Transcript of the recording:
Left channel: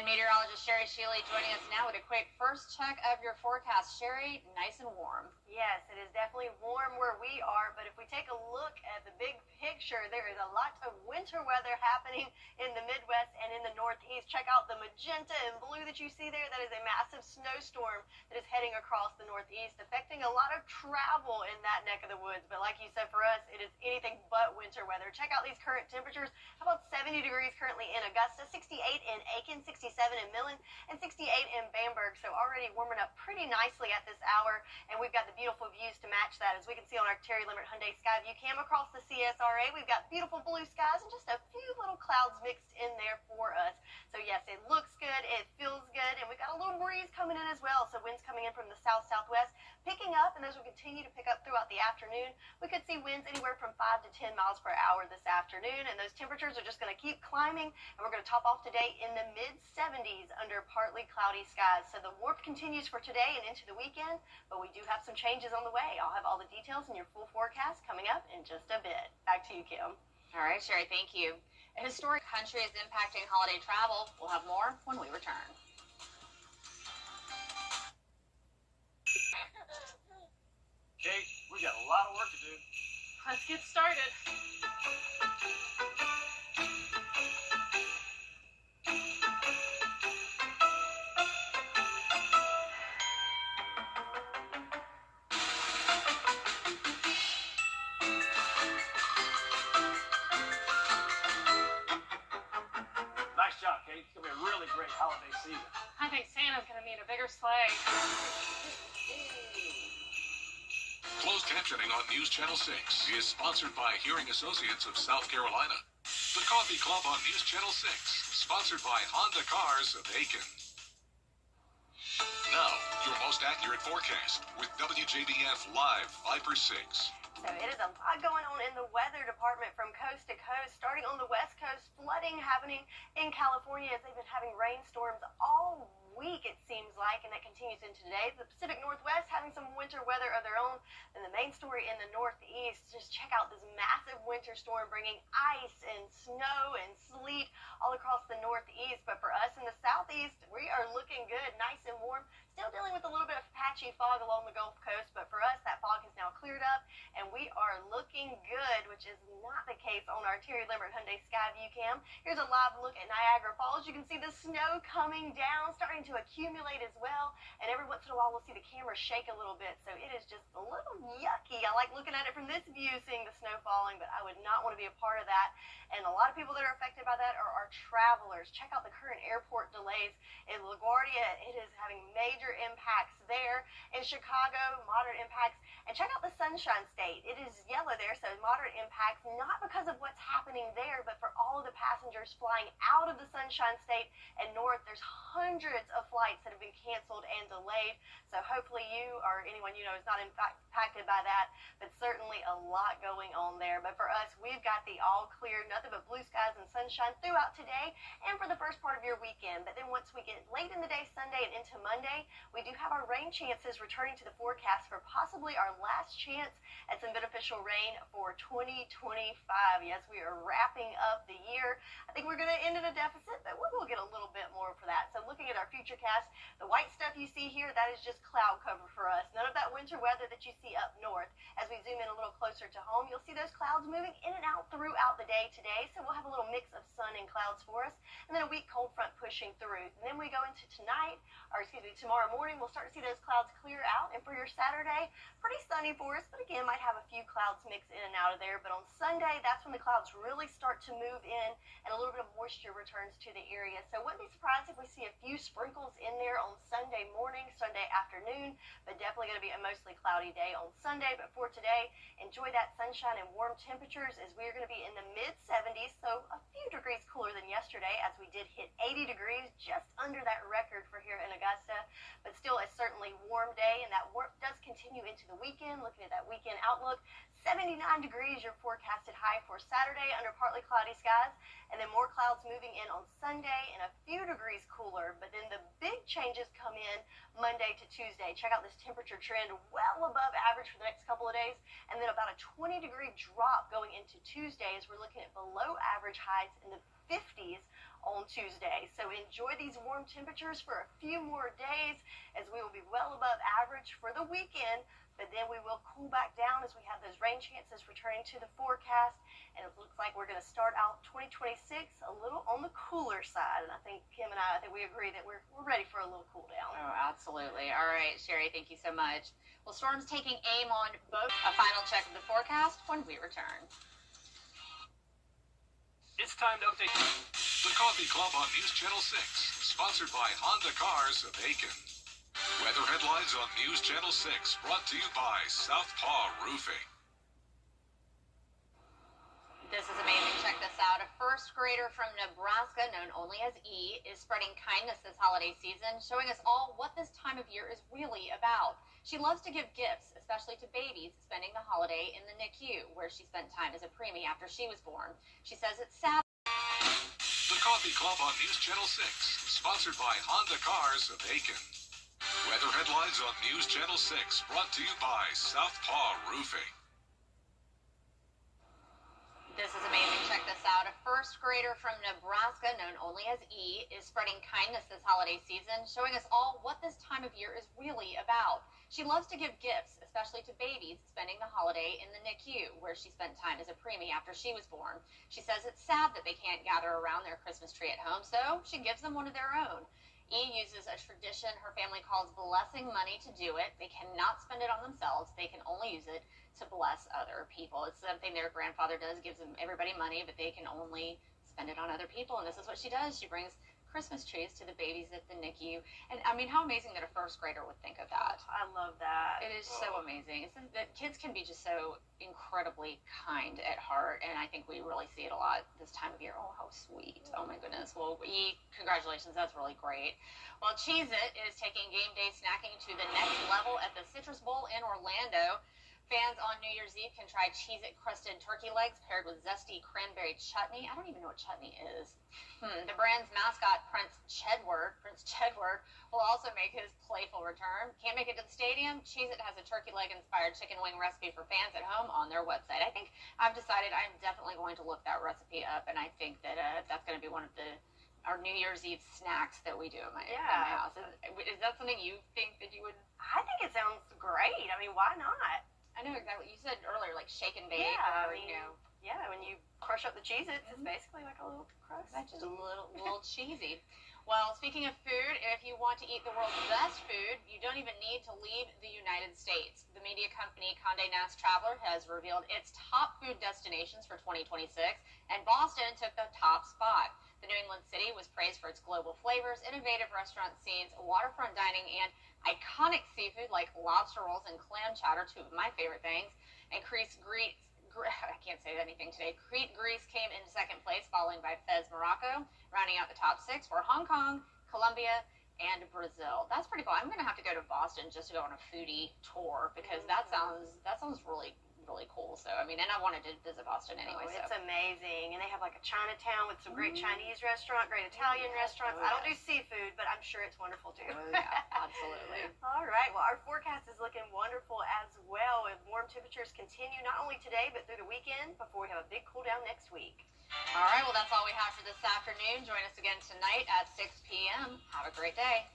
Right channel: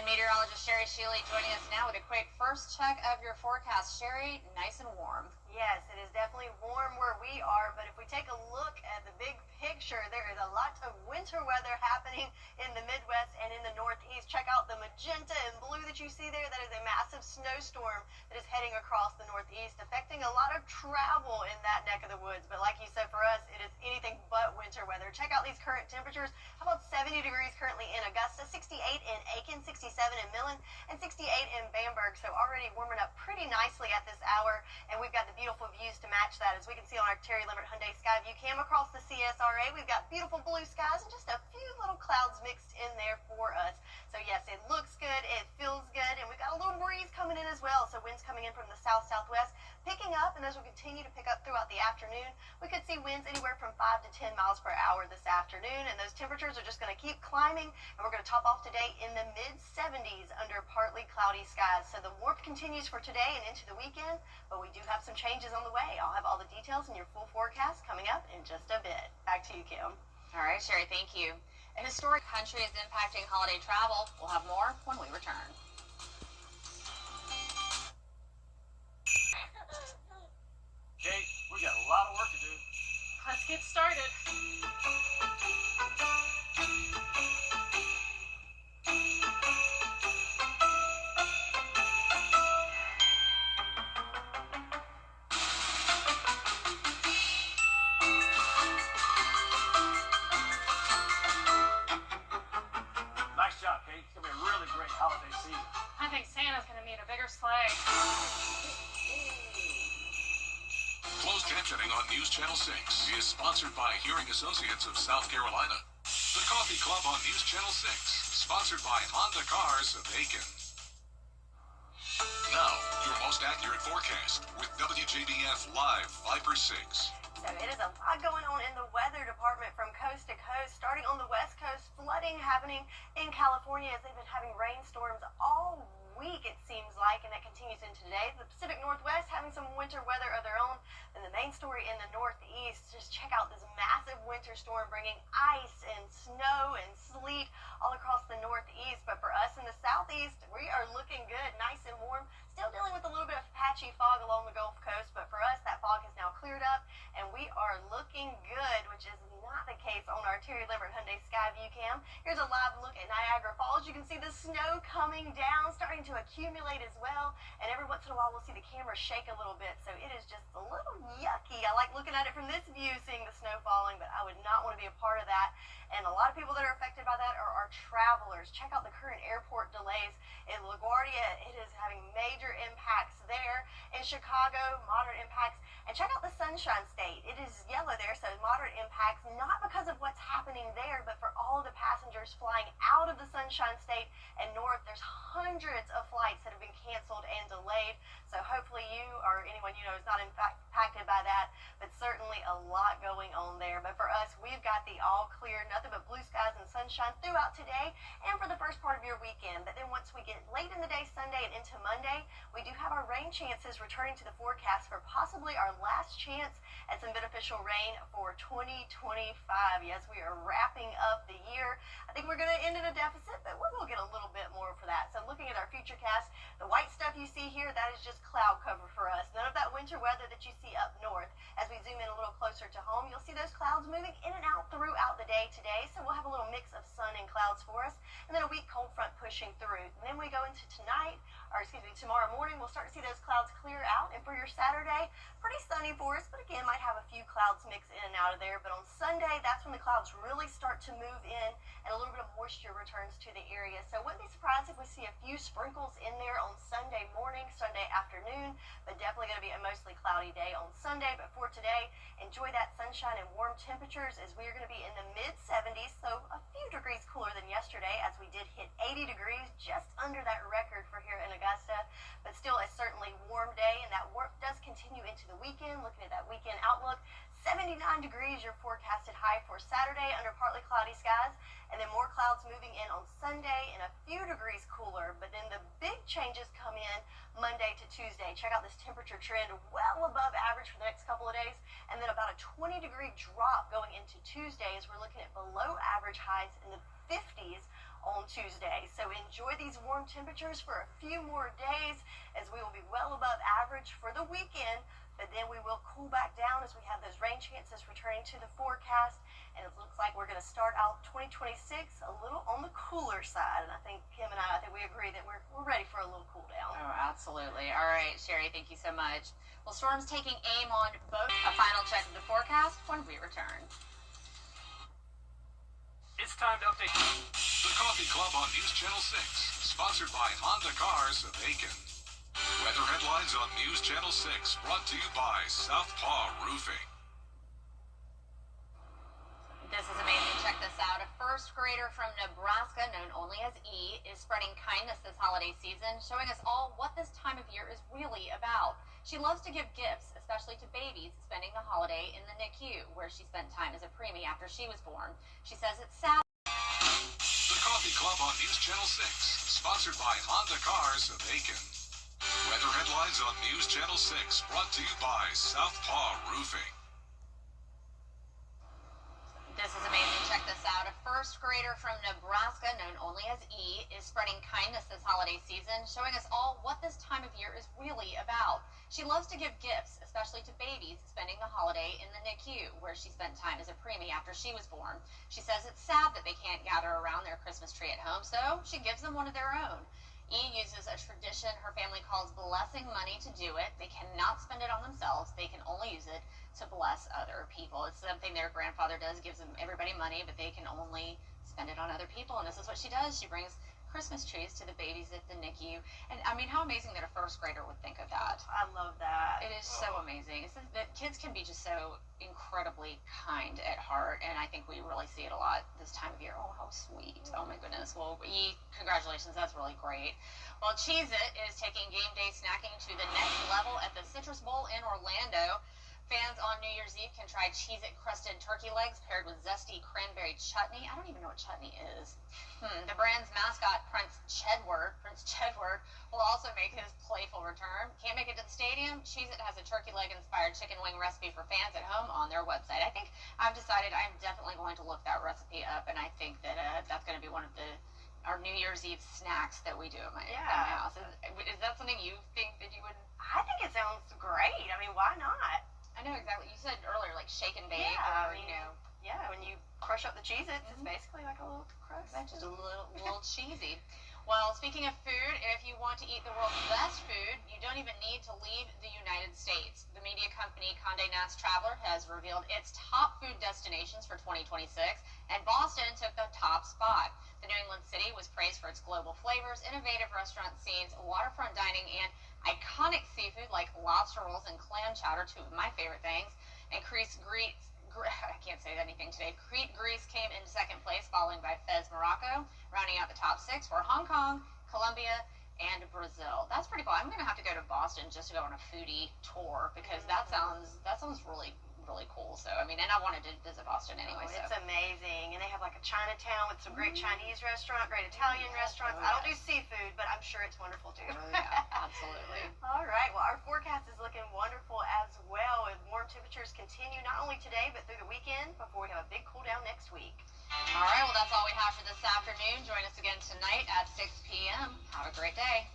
And meteorologist Sherry Shealy joining us now with a quick first check of your forecast. Sherry, nice and warm. Yes, it is definitely warm where we are, but if we take a look at the big picture, there is a lot of winter weather happening in the Midwest and in the Northeast. Check out the magenta and blue that you see there. That is a massive snowstorm that is heading across the Northeast, affecting a lot of travel in that neck of the woods. But like you said, for us, it is anything but winter weather. Check out these current temperatures. How about 70 degrees currently in Augusta, 68 in Aiken, 67 in Millen, and 68 in Bamberg. So already warming up pretty nicely at this hour, and we've got the beautiful views to match that. As we can see on our Terry Limerick Hyundai Skyview cam across the CSRA, we've got beautiful blue skies and just a few little clouds mixed in there for us. So yes, it looks good, it feels good, and we've got a little breeze coming in as well. So winds coming in from the south-southwest, picking up, and those will continue to pick up throughout the afternoon. We could see winds anywhere from 5 to 10 miles per hour this afternoon, and those temperatures are just going to keep climbing, and we're going to top off today in the mid-70s under partly cloudy skies. So the warmth continues for today and into the weekend, but we do have some changes on the way. I'll have all the details in your full forecast coming up in just a bit. Back to you, Kim. All right, Sherry, thank you. A historic country is impacting holiday travel. We'll have more when we return. Kate, we got a lot of work to do. Let's get started. Nice job, Kate. It's going to be a really great holiday season. I think Santa's gonna need a bigger sleigh. Closed captioning on News Channel 6 is sponsored by Hearing Associates of South Carolina. The Coffee Club on News Channel 6, sponsored by Honda Cars of Aiken. Now, your most accurate forecast with WJBF Live 5/6. So it is a lot going on in the weather department from coast to coast. Starting on the west coast, flooding happening in California as they've been having rainstorms all week, it seems like, and that continues into today. The Pacific Northwest having some winter weather of their own. And the main story in the Northeast, just check out this massive winter storm bringing ice and snow and sleet all across the Northeast. But for us in the Southeast, we are looking good, nice and warm. Still dealing with a little bit of patchy fog along the Gulf Coast, but for us, that fog has now cleared up, and we are looking good, which is not the case on our Terry Limerick Hyundai Skyview cam. Here's a live look at Niagara Falls. You can see the snow coming down, starting to accumulate as well, and every once in a while, we'll see the camera shake a little bit, so it is just a little yucky. I like looking at it from this view, seeing the snow falling, but I would not want to be a part of that. And a lot of people that are affected by that are our travelers. Check out the current airport delays in LaGuardia. It is having major impacts there. In Chicago, moderate impacts. And check out the Sunshine State. It is yellow there, so moderate impacts, not because of what's happening there, but for all of the passengers flying out of the Sunshine State and north. There's hundreds of flights that have been canceled and delayed. So hopefully you or anyone you know is not impacted by that, but certainly a lot going on there. But for us, we've got the all clear, nothing but blue skies and sunshine throughout today and for the first part of your weekend. But then once we get late in the day Sunday and into Monday, we do have our rain chances returning to the forecast for possibly our last chance at some beneficial rain for 2025. Yes, we are wrapping up the year. I think we're going to end in a deficit, but we'll get a little bit more for that. So looking at our future cast, the white stuff you see here, that is just cloud cover for us. None of that winter weather that you see up north. As we zoom in a little closer to home, you'll see those clouds moving in and out throughout the day today. So we'll have a little mix of sun and clouds for us, and then a weak cold front pushing through. And then we go into tomorrow morning, we'll start to see those clouds clear out. And for your Saturday, pretty sunny for us, but again, might have a few clouds mix in and out of there. But on Sunday, that's when the clouds really start to move in and a little bit of moisture returns to the area. So wouldn't be surprised if we see a few sprinkles in there on Sunday morning, Sunday afternoon, but definitely going to be a mostly cloudy day on Sunday. But for today, enjoy that sunshine and warm temperatures as we are going to be in the mid-70s, so a few degrees cooler than yesterday as we did hit 80 degrees, just under that record for here in Augusta, but still a certainly warm day, and that warmth does continue into the weekend. Looking at that weekend outlook, 79 degrees your forecasted high for Saturday under partly cloudy skies, and then more clouds moving in on Sunday and a few degrees cooler. But then the big changes come in Monday to Tuesday. Check out this temperature trend well above average for the next couple of days, and then about a 20-degree drop going into Tuesday as we're looking at below average highs in the 50s on Tuesday. So enjoy these warm temperatures for a few more days as we will be well above average for the weekend, but then we will cool back down as we have those rain chances returning to the forecast. And it looks like we're going to start out 2026 a little on the cooler side. And I think Kim and I think we agree that we're ready for a little cool down. Oh, absolutely. All right, Sherry, thank you so much. Well, storms taking aim on both. A final check of the forecast when we return. It's time to update. The Coffee Club on News Channel 6, sponsored by Honda Cars of Aiken. Weather headlines on News Channel 6, brought to you by Southpaw Roofing. This is amazing. Check this out. A first grader from Nebraska, known only as E, is spreading kindness this holiday season, showing us all what this time of year is really about. She loves to give gifts, especially to babies, spending the holiday in the NICU, where she spent time as a preemie after she was born. She says it's sad. The Coffee Club on News Channel 6, sponsored by Honda Cars of Aiken. Weather headlines on News Channel 6, brought to you by Southpaw Roofing. This is amazing. Check this out. A first grader from Nebraska, known only as E, is spreading kindness this holiday season, showing us all what this time of year is really about. She loves to give gifts, especially to babies, spending the holiday in the NICU, where she spent time as a preemie after she was born. She says it's sad that they can't gather around their Christmas tree at home, so she gives them one of their own. E uses a tradition her family calls blessing money to do it. They cannot spend it on themselves. They can only use it to bless other people. It's something their grandfather does, gives them everybody money, but they can only spend it on other people. And this is what she does. She brings Christmas trees to the babies at the NICU. And I mean, how amazing that a first grader would think of that. I love that. It is so amazing. It's that kids can be just so incredibly kind at heart, and I think we really see it a lot this time of year. Oh, how sweet. Oh, my goodness. Well, E, congratulations. That's really great. Well, Cheez-It is taking game day snacking to the next level at the Citrus Bowl in Orlando. Fans on New Year's Eve can try Cheez-It crusted turkey legs paired with zesty cranberry chutney. I don't even know what chutney is. The brand's mascot, Prince Chedward, will also make his playful return. Can't make it to the stadium? Cheez-It has a turkey leg-inspired chicken wing recipe for fans at home on their website. I think I've decided I'm definitely going to look that recipe up, and I think that that's going to be one of our New Year's Eve snacks that we do at my house. Is that something you think that you would? I think it sounds great. I mean, why not? I know exactly. You said earlier, like shake and bake, Yeah, or, I mean, yeah, when you crush up the Cheez-Its, it's basically like a little crust. That's just a little cheesy. Well, speaking of food, if you want to eat the world's best food, you don't even need to leave the United States. The media company Condé Nast Traveler has revealed its top food destinations for 2026, and Boston took the top spot. The New England city was praised for its global flavors, innovative restaurant scenes, waterfront dining, and iconic seafood like lobster rolls and clam chowder, two of my favorite things. And I can't say anything today. Crete, Greece came in second place, following by Fez, Morocco. Rounding out the top 6 were Hong Kong, Colombia, and Brazil. That's pretty cool. I'm going to have to go to Boston just to go on a foodie tour, because that sounds really cool. So, I mean, and I wanted to visit Boston anyway. It's amazing. And they have like a Chinatown with some great Chinese restaurant, great Italian restaurants. I don't do seafood, but I'm sure it's wonderful too. Oh, yeah, absolutely. All right. Well, our forecast is looking wonderful as well, and warm temperatures continue not only today, but through the weekend before we have a big cool down next week. All right. Well, that's all we have for this afternoon. Join us again tonight at 6 p.m. Have a great day.